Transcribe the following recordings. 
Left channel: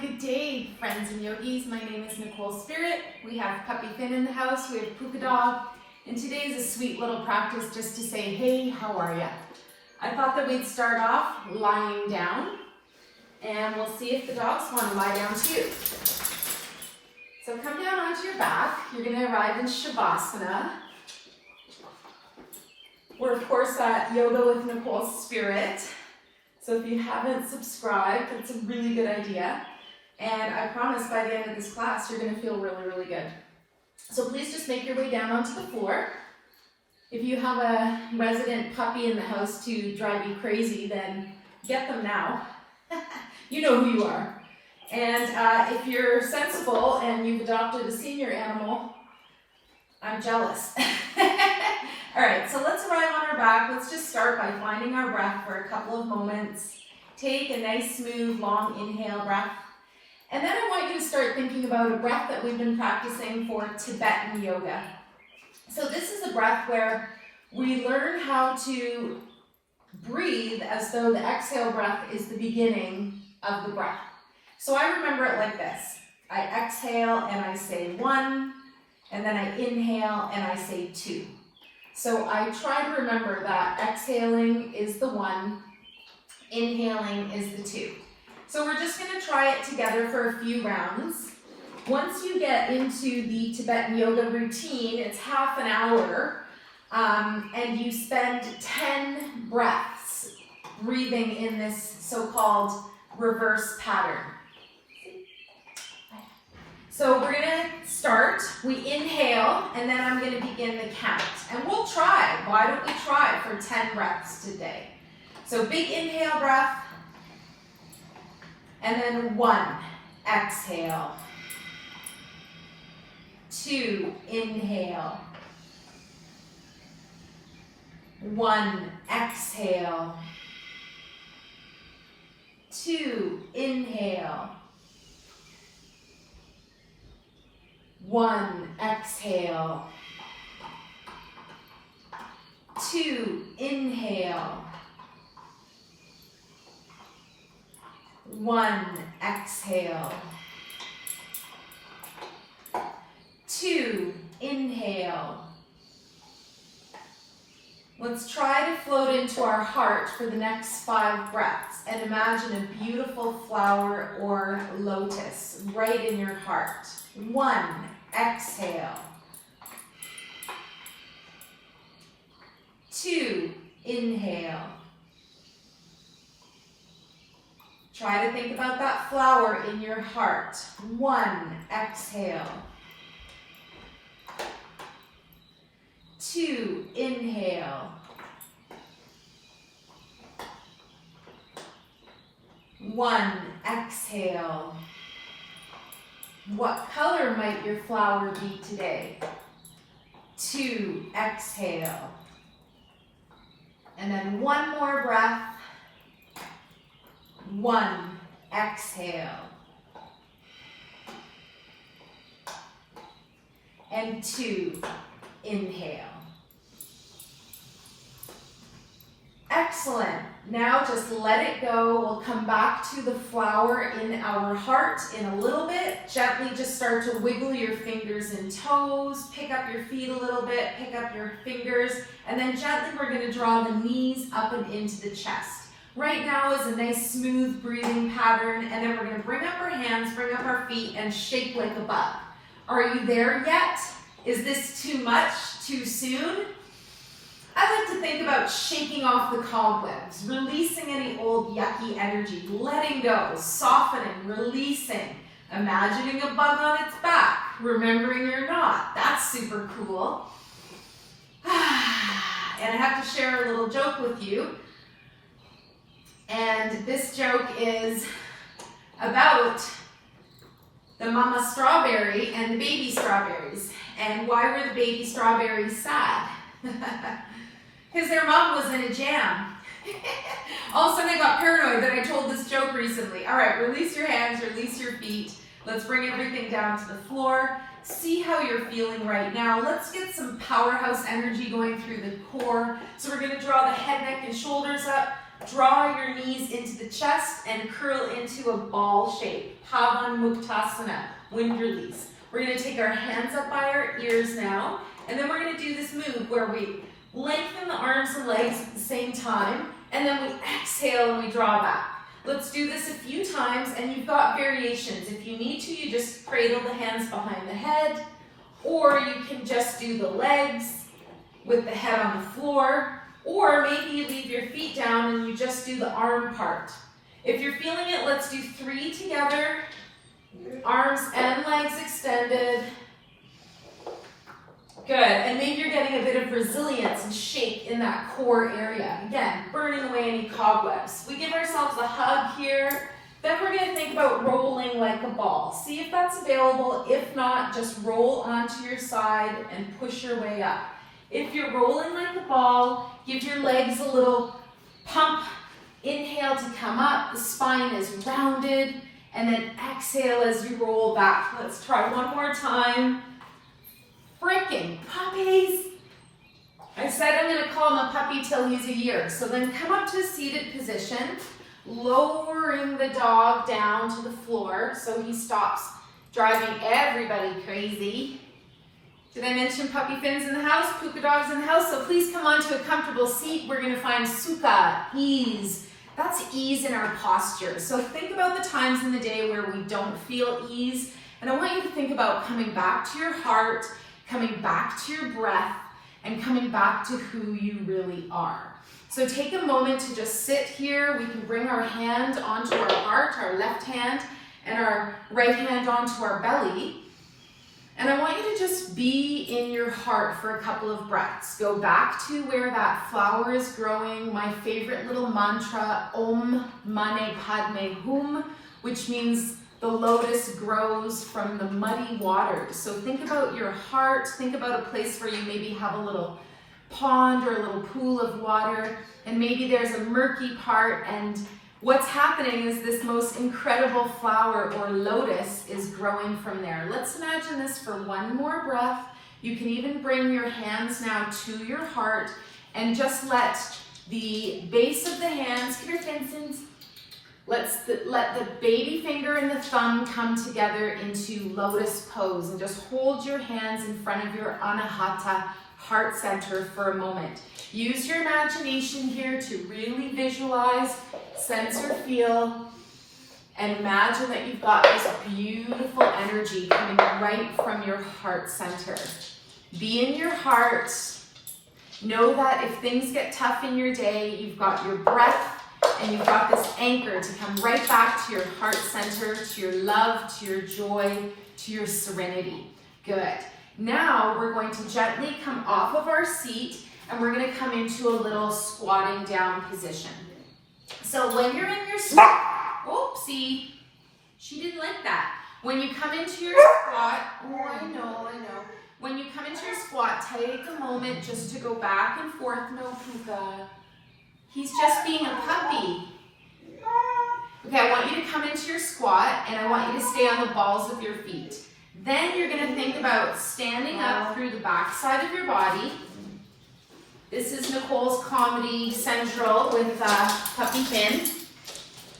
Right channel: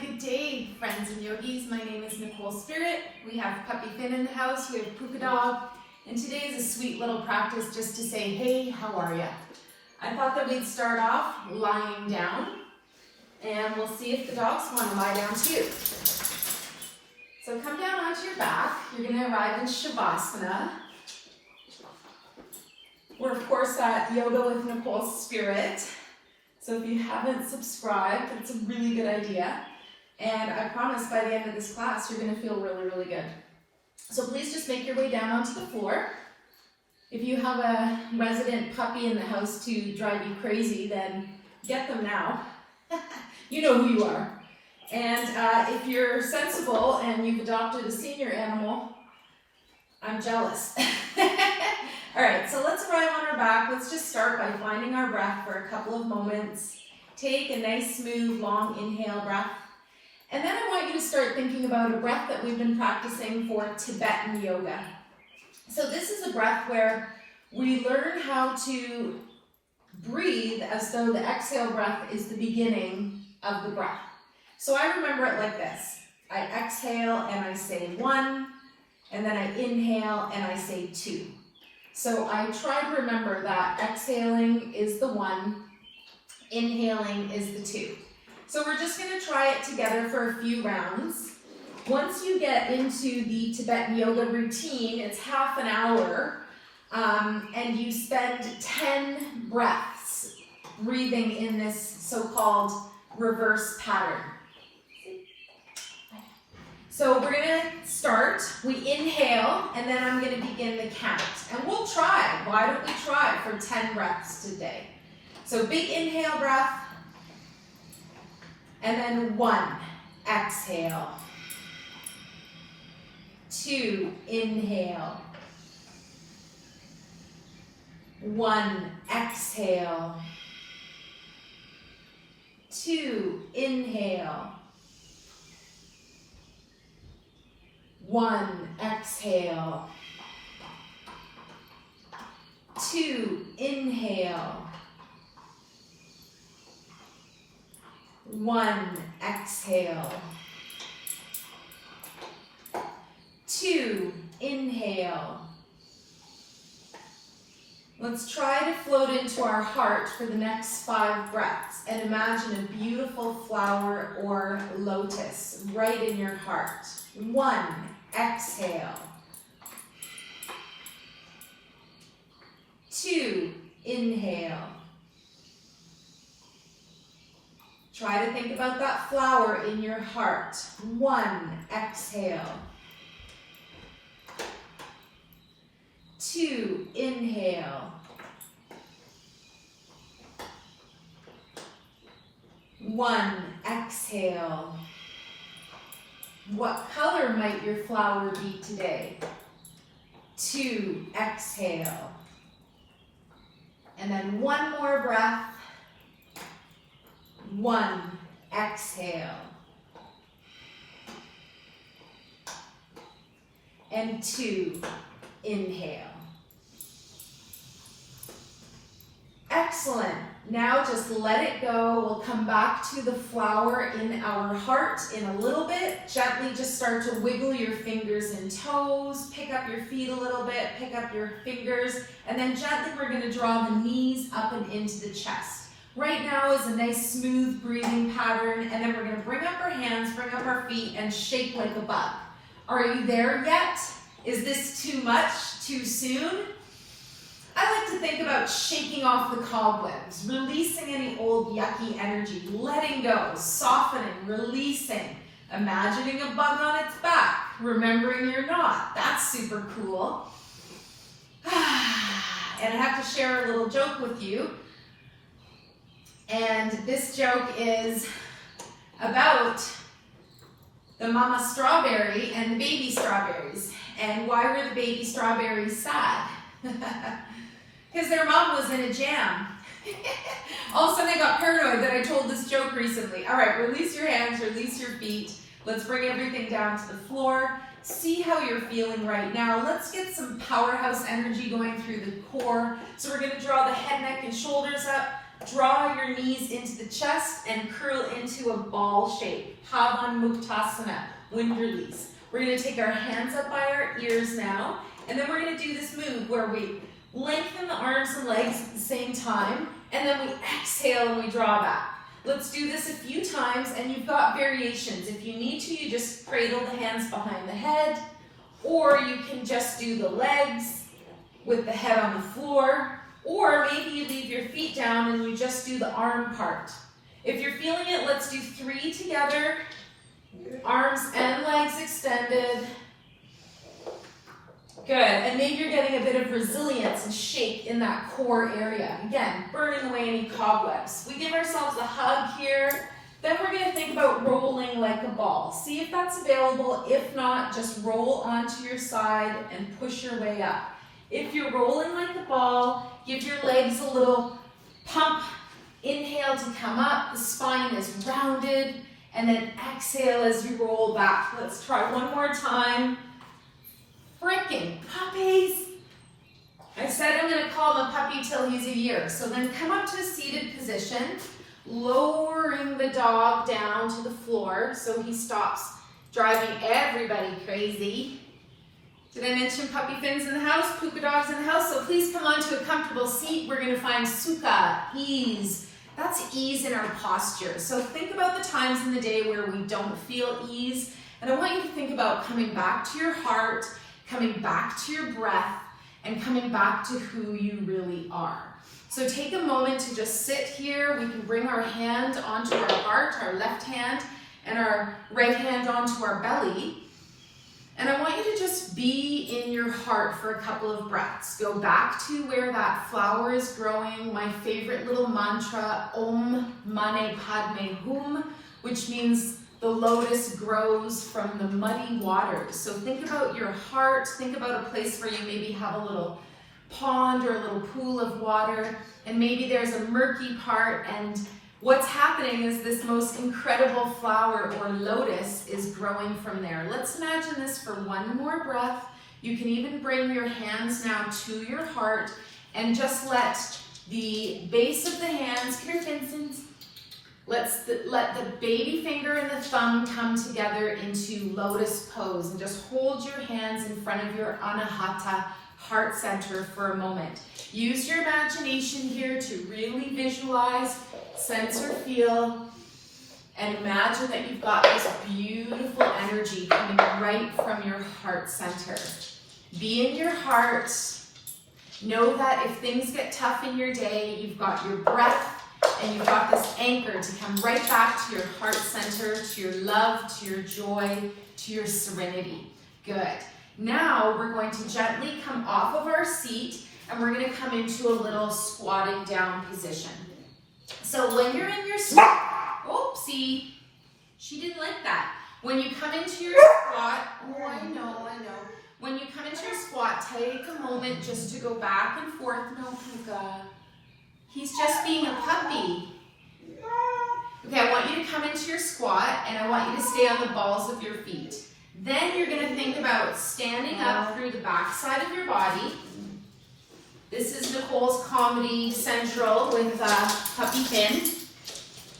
Good day, friends and yogis. My name is Nicole Spirit. We have Puppy Finn in the house. We have Puka Dog. And today is a sweet little practice just to say, hey, how are ya? I thought that we'd start off lying down. And we'll see if the dogs want to lie down too. So come down onto your back. You're going to arrive in Shavasana. We're, of course, at Yoga with Nicole Spirit. So if you haven't subscribed, it's a really good idea. And I promise by the end of this class, you're going to feel really, really good. So please just make your way down onto the floor. If you have a resident puppy in the house to drive you crazy, then get them now. You know who you are. And if you're sensible and you've adopted a senior animal, I'm jealous. All right, so let's arrive on our back. Let's just start by finding our breath for a couple of moments. Take a nice, smooth, long inhale breath. And then I want you to start thinking about a breath that we've been practicing for Tibetan yoga. So this is a breath where we learn how to breathe as though the exhale breath is the beginning of the breath. So I remember it like this. I exhale and I say 1, and then I inhale and I say 2. So I try to remember that exhaling is the 1, inhaling is the 2. So we're just going to try it together for a few rounds. Once you get into the Tibetan yoga routine, it's half an hour, and you spend 10 breaths breathing in this so-called reverse pattern. So we're going to start, we inhale, and then I'm going to begin the count. And we'll try, why don't we try for 10 breaths today? So big inhale breath, and then 1, exhale. 2, inhale. 1, exhale. 2, inhale. 1, exhale. 2, inhale. 1, exhale. 2, inhale. Let's try to float into our heart for the next 5 breaths and imagine a beautiful flower or lotus right in your heart. 1, exhale. 2, inhale. Try to think about that flower in your heart. 1, exhale. 2, inhale. 1, exhale. What color might your flower be today? 2, exhale. And then 1 more breath. 1, exhale. And 2, inhale. Excellent. Now just let it go. We'll come back to the flower in our heart in a little bit. Gently just start to wiggle your fingers and toes. Pick up your feet a little bit. Pick up your fingers. And then gently we're going to draw the knees up and into the chest. Right now is a nice smooth breathing pattern. And then we're going to bring up our hands, bring up our feet, and shake like a bug. Are you there yet? Is this too much? Too soon? I like to think about shaking off the cobwebs, releasing any old yucky energy, letting go, softening, releasing, imagining a bug on its back, remembering you're not. That's super cool. And I have to share a little joke with you. And this joke is about the mama strawberry and the baby strawberries. And why were the baby strawberries sad? Because their mom was in a jam. All of a sudden I got paranoid that I told this joke recently. All right, release your hands, release your feet. Let's bring everything down to the floor. See how you're feeling right now. Let's get some powerhouse energy going through the core. So we're going to draw the head, neck, and shoulders up. Draw your knees into the chest and curl into a ball shape. Pavanmuktasana, wind release. We're going to take our hands up by our ears now, and then we're going to do this move where we lengthen the arms and legs at the same time, and then we exhale and we draw back. Let's do this a few times, and you've got variations. If you need to, you just cradle the hands behind the head, or you can just do the legs with the head on the floor, or maybe you leave your feet down and you just do the arm part. If you're feeling it, let's do 3 together, arms and legs extended. Good, and maybe you're getting a bit of resilience and shake in that core area. Again, burning away any cobwebs. We give ourselves a hug here. Then we're going to think about rolling like a ball. See if that's available. If not, just roll onto your side and push your way up. If you're rolling like a ball, give your legs a little pump. Inhale to come up. The spine is rounded. And then exhale as you roll back. Let's try one more time. Frickin' puppies. I said I'm going to call him a puppy till he's a year. So then come up to a seated position, lowering the dog down to the floor so he stops driving everybody crazy. Did I mention puppy fins in the house, puka dogs in the house? So please come onto a comfortable seat. We're going to find sukha, ease. That's ease in our posture. So think about the times in the day where we don't feel ease. And I want you to think about coming back to your heart, coming back to your breath, and coming back to who you really are. So take a moment to just sit here. We can bring our hand onto our heart, our left hand, and our right hand onto our belly. And I want you to just be in your heart for a couple of breaths. Go back to where that flower is growing. My favorite little mantra, Om Mane Padme Hum, which means the lotus grows from the muddy waters. So think about your heart. Think about a place where you maybe have a little pond or a little pool of water, and maybe there's a murky part, and what's happening is this most incredible flower or lotus is growing from there. Let's imagine this for one more breath. You can even bring your hands now to your heart and just let the base of the hands, come here, Vincent. Let the baby finger and the thumb come together into lotus pose, and just hold your hands in front of your Anahata heart center for a moment. Use your imagination here to really visualize, sense or feel, and imagine that you've got this beautiful energy coming right from your heart center. Be in your heart. Know that if things get tough in your day, you've got your breath and you've got this anchor to come right back to your heart center, to your love, to your joy, to your serenity. Good. Now we're going to gently come off of our seat and we're going to come into a little squatting down position. So when you're in your squat, oopsie, she didn't like that. When you come into your squat, oh, I know. When you come into your squat, take a moment just to go back and forth. No, Puka. He's just being a puppy. Okay, I want you to come into your squat and I want you to stay on the balls of your feet. Then you're going to think about standing up through the back side of your body. This is Nicole's Comedy Central with Puppy Finn.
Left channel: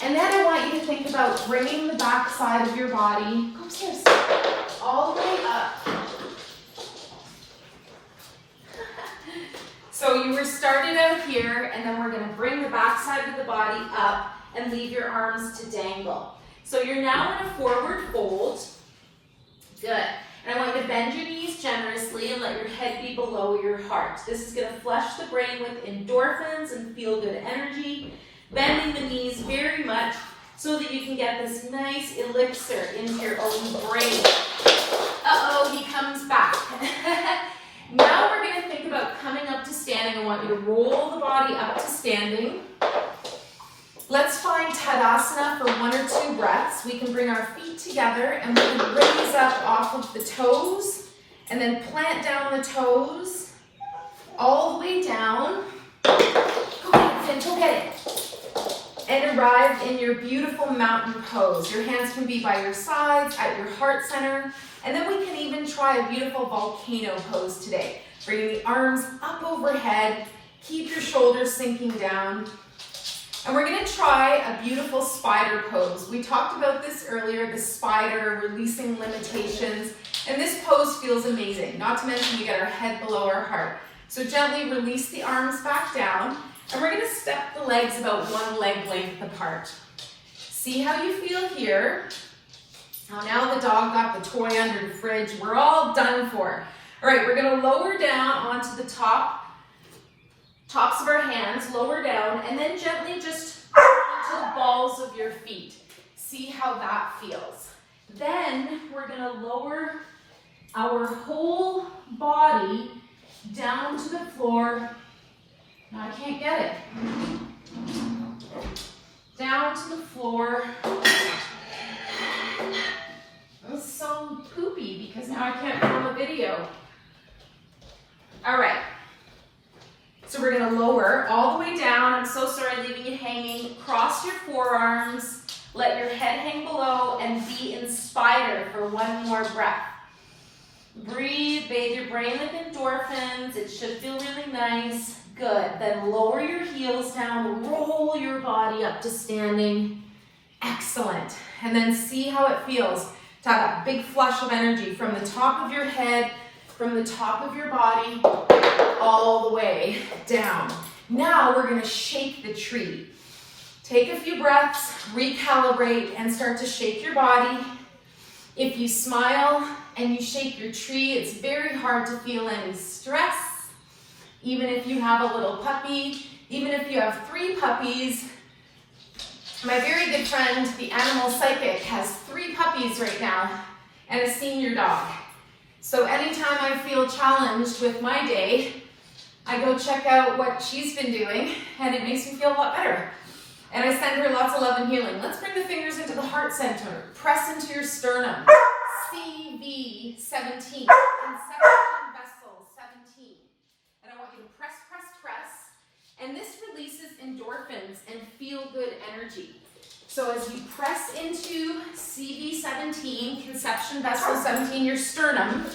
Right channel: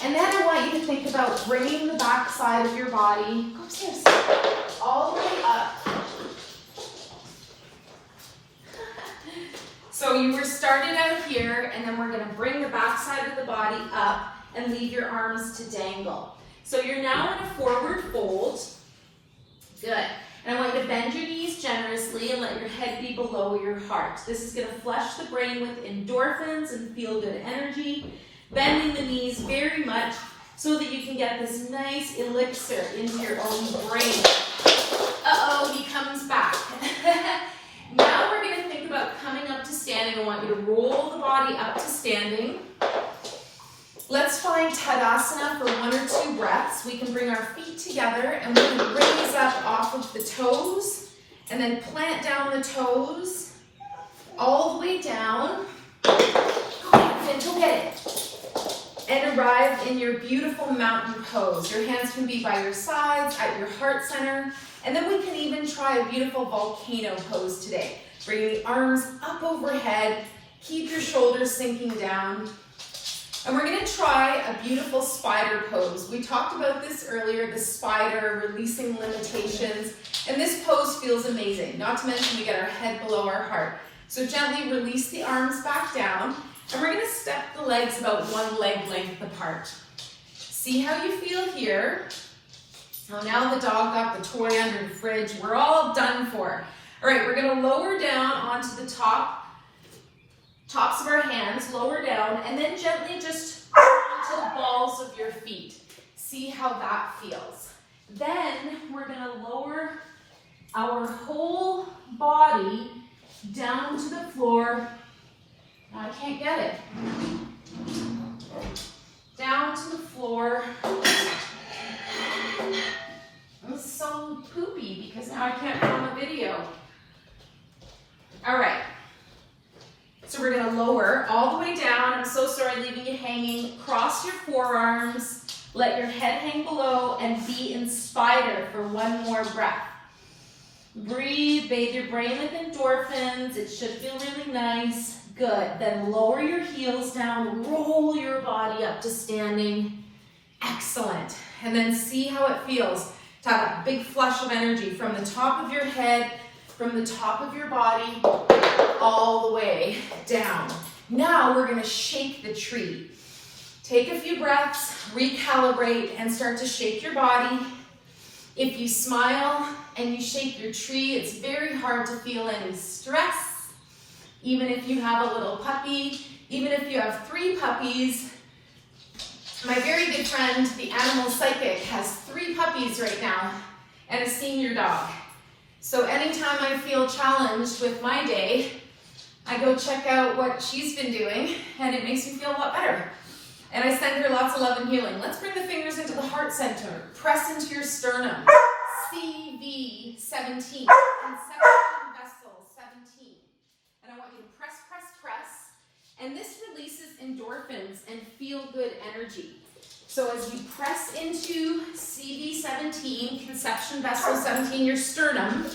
And then I want you to think about bringing the back side of your body all the way up. So you were started out here, and then we're going to bring the back side of the body up and leave your arms to dangle. So you're now in a forward fold. Good. And I want you to bend your knees generously and let your head be below your heart. This is going to flush the brain with endorphins and feel-good energy. Bending the knees very much so that you can get this nice elixir into your own brain. Uh-oh, he comes back. Now we're going to think about coming up to standing. I want you to roll the body up to standing. Let's find Tadasana for 1 or 2 breaths. We can bring our feet together and we can raise up off of the toes and then plant down the toes all the way down. Go ahead, Finn, go get it. And arrive in your beautiful mountain pose. Your hands can be by your sides, at your heart center. And then we can even try a beautiful volcano pose today. Bring the arms up overhead. Keep your shoulders sinking down. And we're gonna try a beautiful spider pose. We talked about this earlier, the spider, releasing limitations. And this pose feels amazing. Not to mention we get our head below our heart. So gently release the arms back down. And we're gonna step the legs about one leg length apart. See how you feel here. Now the dog got the toy under the fridge. We're all done for. All right, we're gonna lower down onto the tops of our hands, lower down, and then gently just onto the balls of your feet. See how that feels. Then we're gonna lower our whole body down to the floor. No, I can't get it. Down to the floor. This is so poopy because now I can't film a video. All right. So we're gonna lower all the way down. I'm so sorry leaving you hanging. Cross your forearms. Let your head hang below and be in spider for one more breath. Breathe, bathe your brain with endorphins. It should feel really nice. Good. Then lower your heels down, roll your body up to standing. Excellent. And then see how it feels to have that big flush of energy from the top of your head, from the top of your body, all the way down. Now we're going to shake the tree. Take a few breaths, recalibrate, and start to shake your body. If you smile and you shake your tree, it's very hard to feel any stress. Even if you have a little puppy, even if you have 3 puppies. My very good friend, the animal psychic, has 3 puppies right now and a senior dog. So anytime I feel challenged with my day, I go check out what she's been doing and it makes me feel a lot better. And I send her lots of love and healing. Let's bring the fingers into the heart center. Press into your sternum. CV 17. Conception vessel 17. And I want you to press, press, press. And this releases endorphins and feel-good energy. So as you press into CV 17, conception vessel 17, your sternum,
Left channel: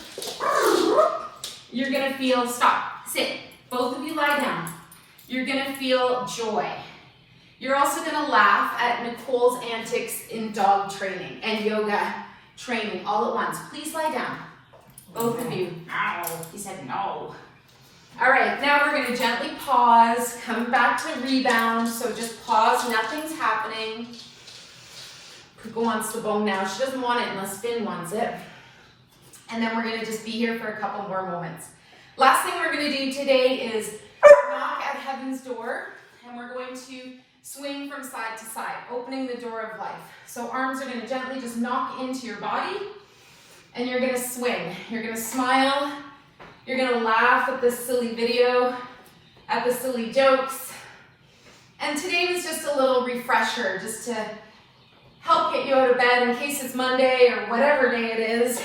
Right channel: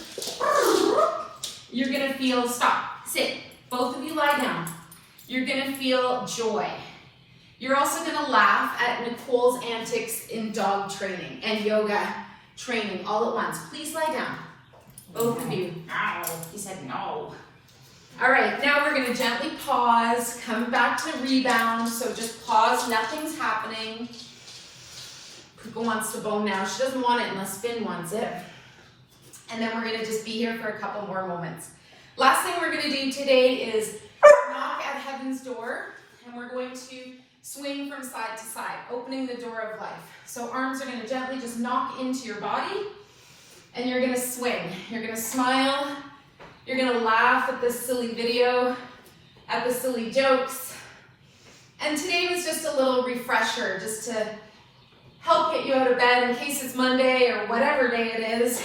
you're gonna feel, stop, sit. Both of you lie down. You're gonna feel joy. You're also gonna laugh at Nicole's antics in dog training and yoga training all at once. Please lie down. Both of you. Ow, he said no. All right, now we're gonna gently pause, come back to rebound. So just pause, nothing's happening. Coco wants the bone now. She doesn't want it unless Finn wants it. And then we're gonna just be here for a couple more moments. Last thing we're gonna do today is knock at heaven's door, and we're going to swing from side to side, opening the door of life. So arms are gonna gently just knock into your body, and you're gonna swing. You're gonna smile. You're gonna laugh at this silly video, at the silly jokes. And today was just a little refresher, just to help get you out of bed in case it's Monday or whatever day it is.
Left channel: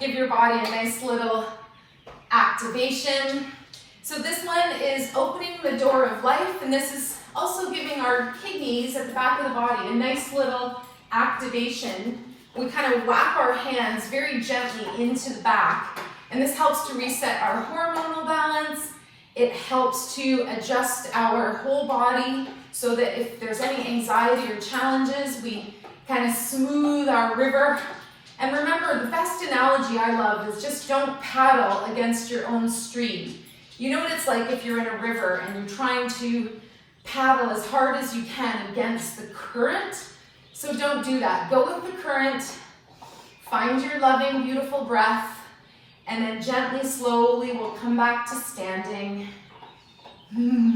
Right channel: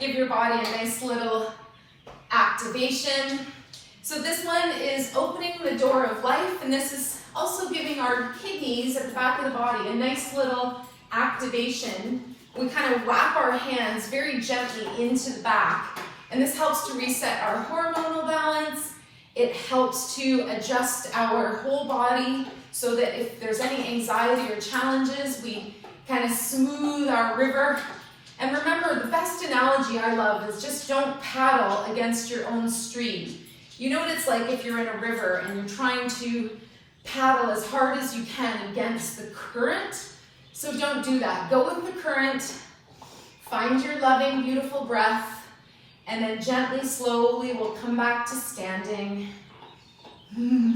Give your body a nice little activation. So this one is opening the door of life, and this is also giving our kidneys at the back of the body a nice little activation. We kind of wrap our hands very gently into the back, and this helps to reset our hormonal balance. It helps to adjust our whole body so that if there's any anxiety or challenges, we kind of smooth our river. And remember, the best analogy I love is just don't paddle against your own stream. You know what it's like if you're in a river and you're trying to paddle as hard as you can against the current? So don't do that. Go with the current, find your loving, beautiful breath, and then gently, slowly, we'll come back to standing.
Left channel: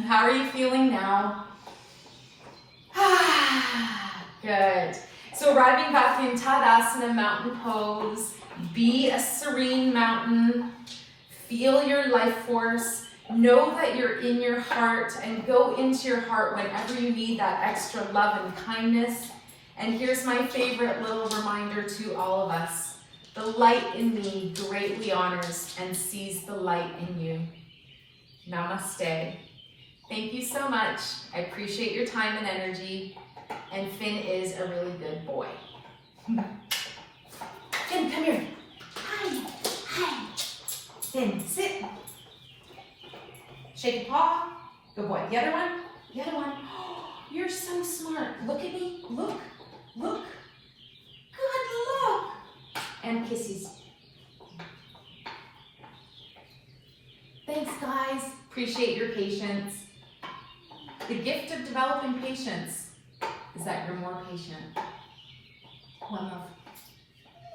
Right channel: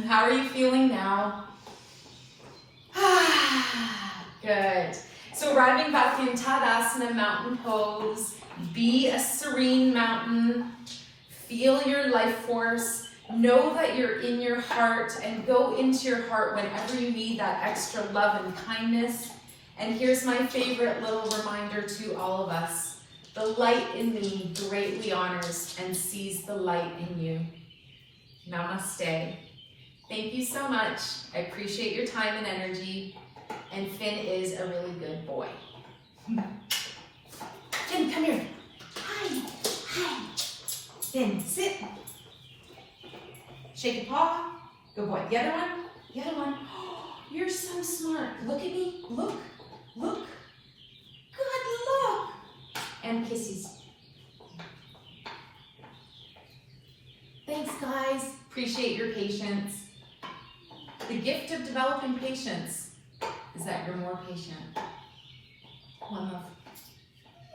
How are you feeling now? Good. So arriving back in Tadasana, mountain pose, be a serene mountain, feel your life force, know that you're in your heart, and go into your heart whenever you need that extra love and kindness. And here's my favorite little reminder to all of us. The light in me greatly honors and sees the light in you. Namaste. Thank you so much. I appreciate your time and energy. And Finn is a really good boy. Finn, come here. Hi. Hi. Finn, sit. Shake your paw. Good boy. The other one. The other one. You're so smart. Look at me. Look. Look. Good, look. And kisses. Thanks, guys. Appreciate your patience. The gift of developing patience is that you're more patient. One love.